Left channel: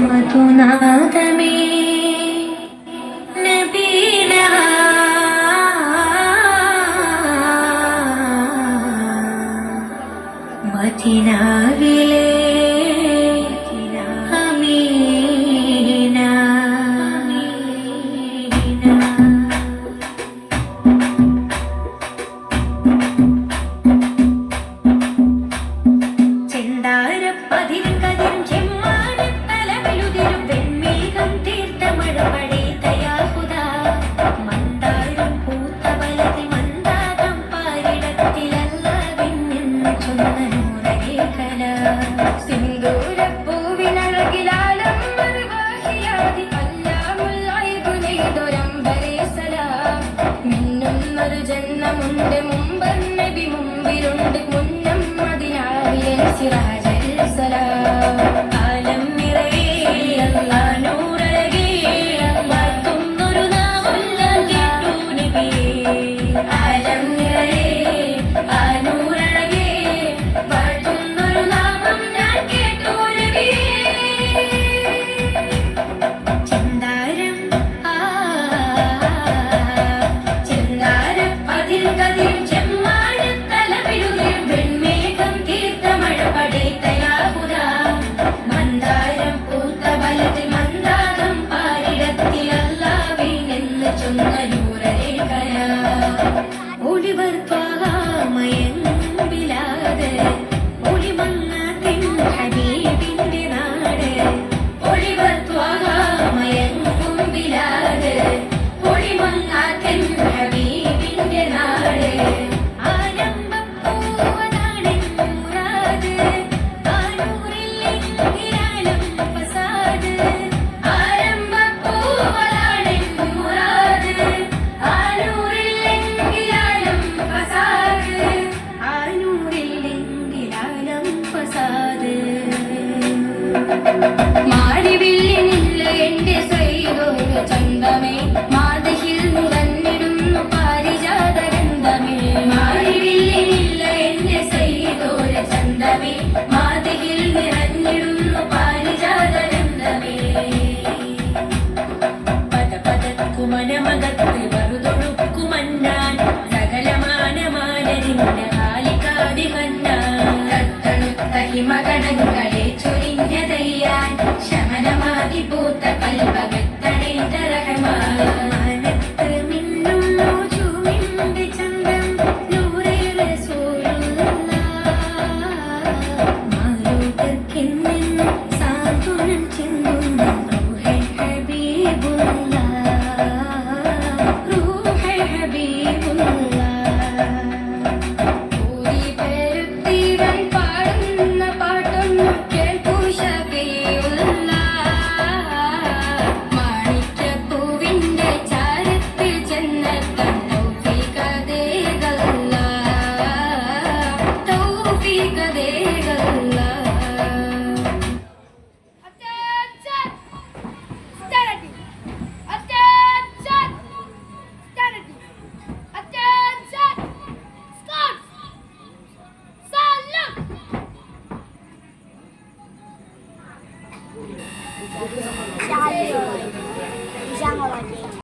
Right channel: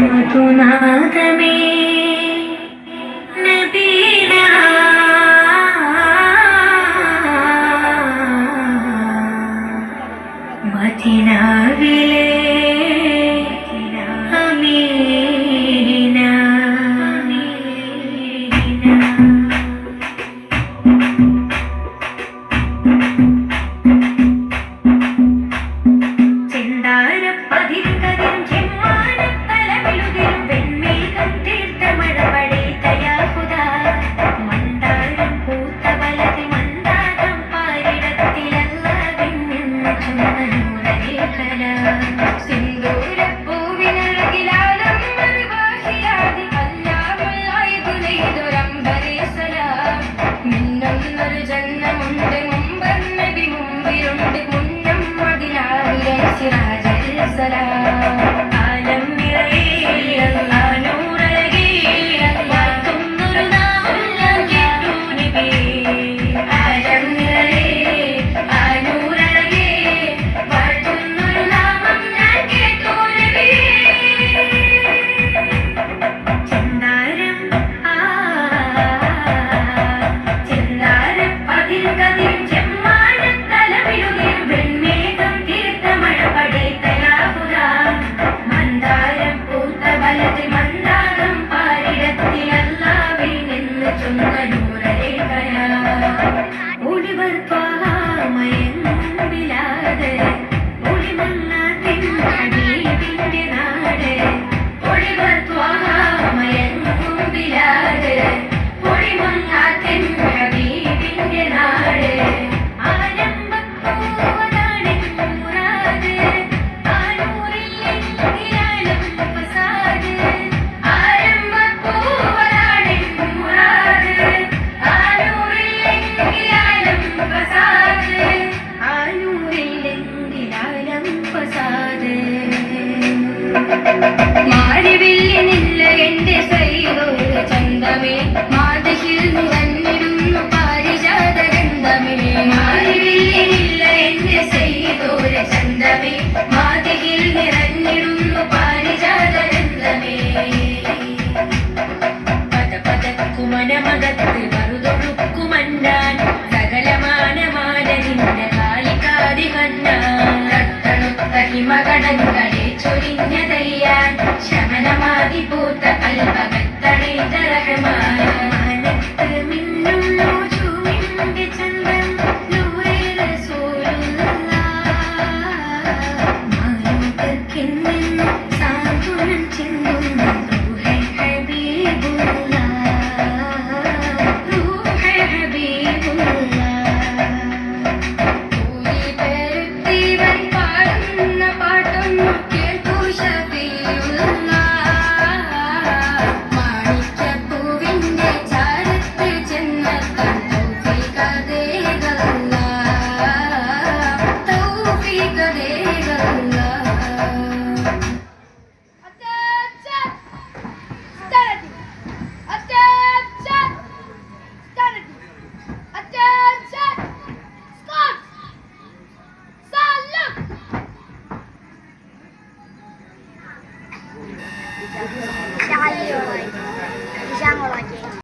മധുനാഥമേ നബീന മദീനാവിലെ ജന്മമുണ്ട് മുമ്പൻ നബി മുമ്പിലുണ്ട് മുന്നം മദീനാവിലെ സിറാജുൽ സലാം ആലം നിറയെ അല്ലാഹ് നൂറഴകേ വാഴ്ത്തുന്നൊരു നാമെല്ലാം കേട്ടു നബി ആലം നിറയെ ആ നൂറഴകേ വാഴ്ത്തുന്നൊരു നാമം ഞാൻ കേട്ടു നബി ചന്ദാരം മാരിവില്ലിനില്ല എന്റെ സൈതോര ചന്തമേ മാതഹിൽ നിറഞ്ഞിടുന്നു പാരിജാതഗന്ധമേ മാരിവില്ലിനില്ല എന്റെ സൈതോര ചന്തമേ മാതഹിൽ നിറഞ്ഞിടുന്നു പാരിജാതഗന്ധമേ പദപദക്കുമനമകത്ത് മറുതൊടുക്കുമന്നാൻ സകലമാനമാനനിന്റെ കാലിക്കാരി കണ്ണാൻ തട്ടണുത്ത ഹിമകടങ്ങളെ ചൊരിഞ്ഞതയ്യാൻ ശമനമാതി പൂത്ത